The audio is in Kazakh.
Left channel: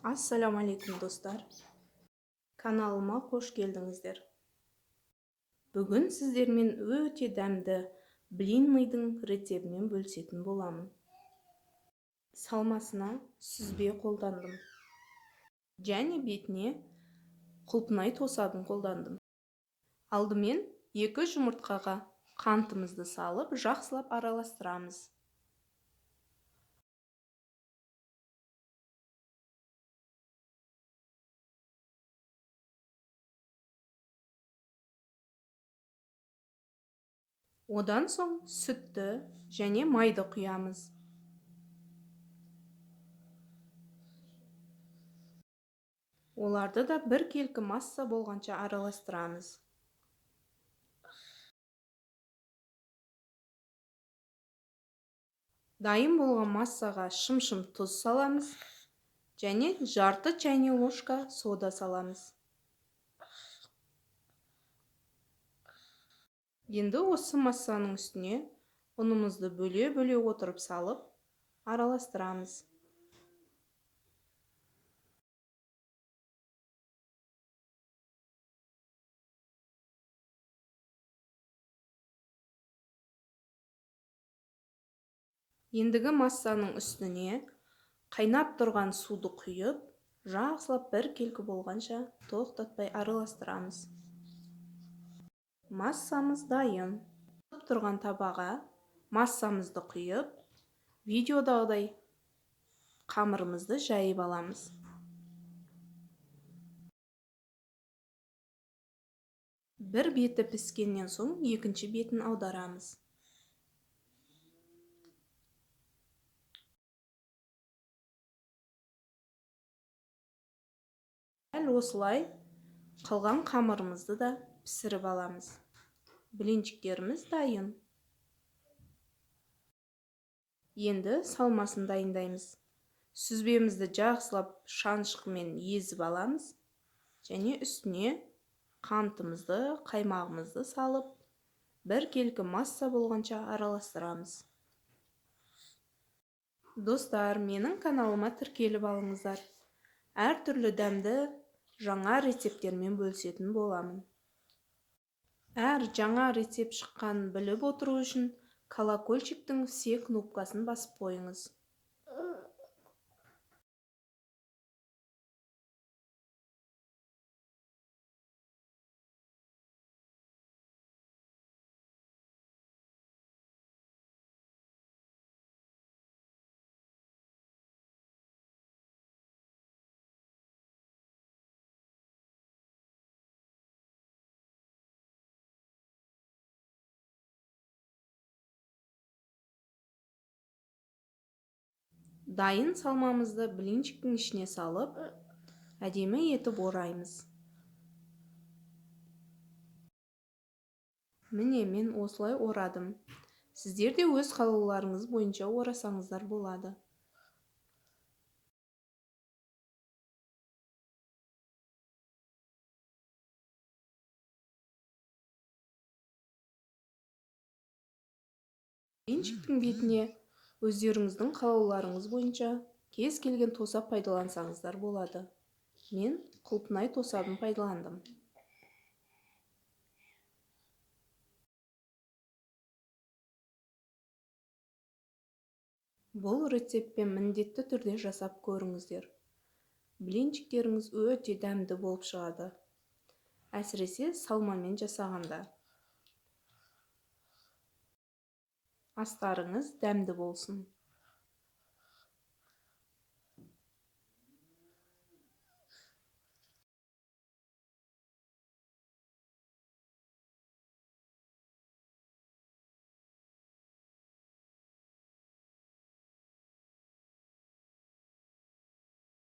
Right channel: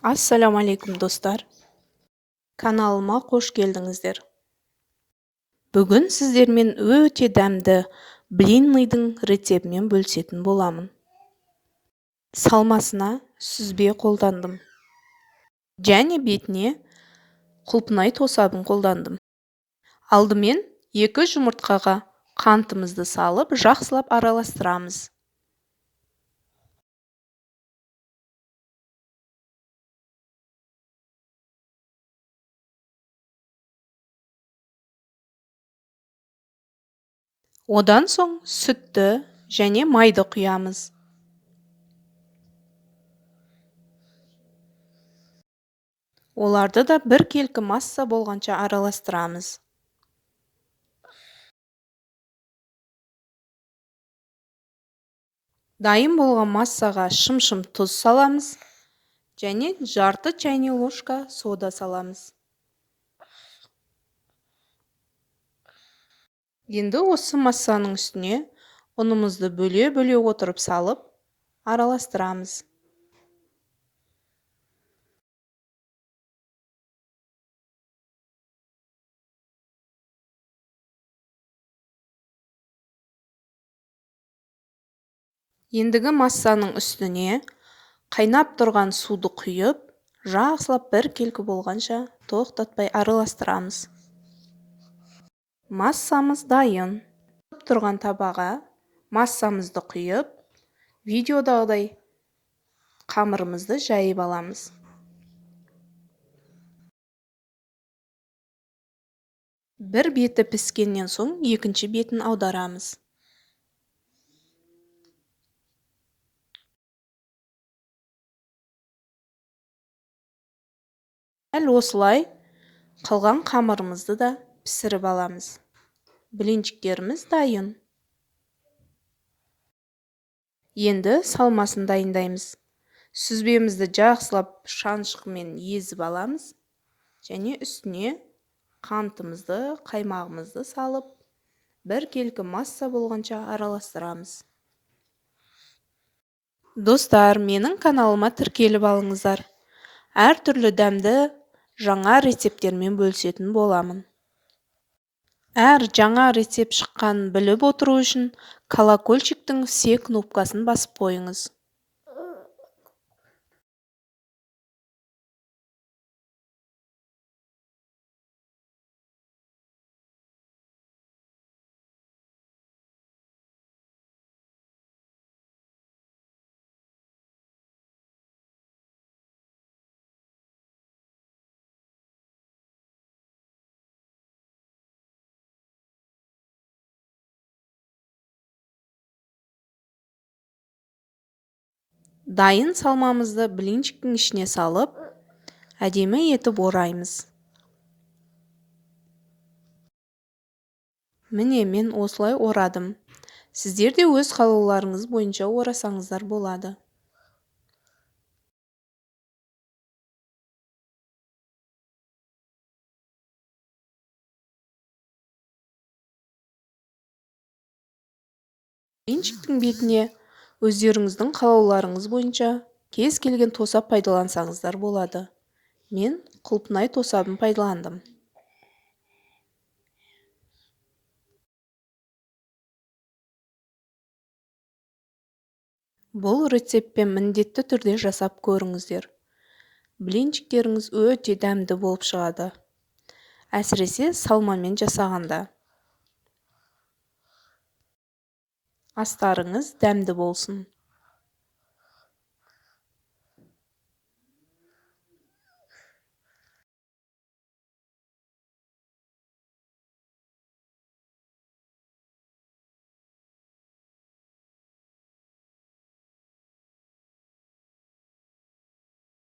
Ассаламу алейкум достар. Каналыма қош келдіңіздер. Бүгін сіздермен өте дәмді блинныйдың рецептімен бөлісетін боламын. Салмасына сүзбе қолдандым. Және бетіне құлпынай тосабын қолдандым. Алдымен 2 жұмыртқаға қантымызды салып, жақсылап араластырамыз. Одан соң сүтті және майды құямыз. Оларды да біркелкі масса болғанша араластырамыз. Дайын болған массаға шым-шым тұз саламыз және жарты чайный ложка сода саламыз. Енді осы массаның үстіне ұнымызды бөле-бөле отырып салып, араластырамыз. Ендігі массаның үстіне қайнап тұрған суды құйып, жақсылап біркелкі болғанша тоқтатпай араластырамыз. Массамыз дайын. Тұрған табаға массамызды құйып, видеодағыдай қамырымызды жайып аламыз. Бір беті піскеннен соң екінші бетін аударамыз. Дәл осылай қалған қамырымызды да пісіріп аламыз. Блинчиктеріміз дайын. Енді салмасын дайындаймыз. Сүзбемізді жақсылап шанышқымен езіп аламыз және үстіне қантымызды, қаймағымызды салып, біркелкі масса болғанша араластырамыз. Достар, менің каналыма тіркеліп алыңыздар. Әртүрлі дәмді жаңа рецепттермен бөлісетін боламын. Әр жаңа рецепт шыққанын біліп отыру үшін колокольчиктің все кнопкасын басып қойыңыз. Дайын салмамызды блинчиктің ішіне салып, әдемі етіп ораймыз. Міне, мен осылай орадым. Сіздер де өз қалауларыңыз бойынша орасаңыздар болады. Блинчиктің бетіне өздеріңіздің қалауларыңыз бойынша кез келген тосап пайдалансаңыздар болады. Мен құлпынай тосабын пайдаландым. Бұл рецептпен міндетті түрде жасап көріңіздер. Блинчиктеріңіз өте дәмді болып шығады. Әсіресе салмамен жасағанда. Астарыңыз дәмді болсын.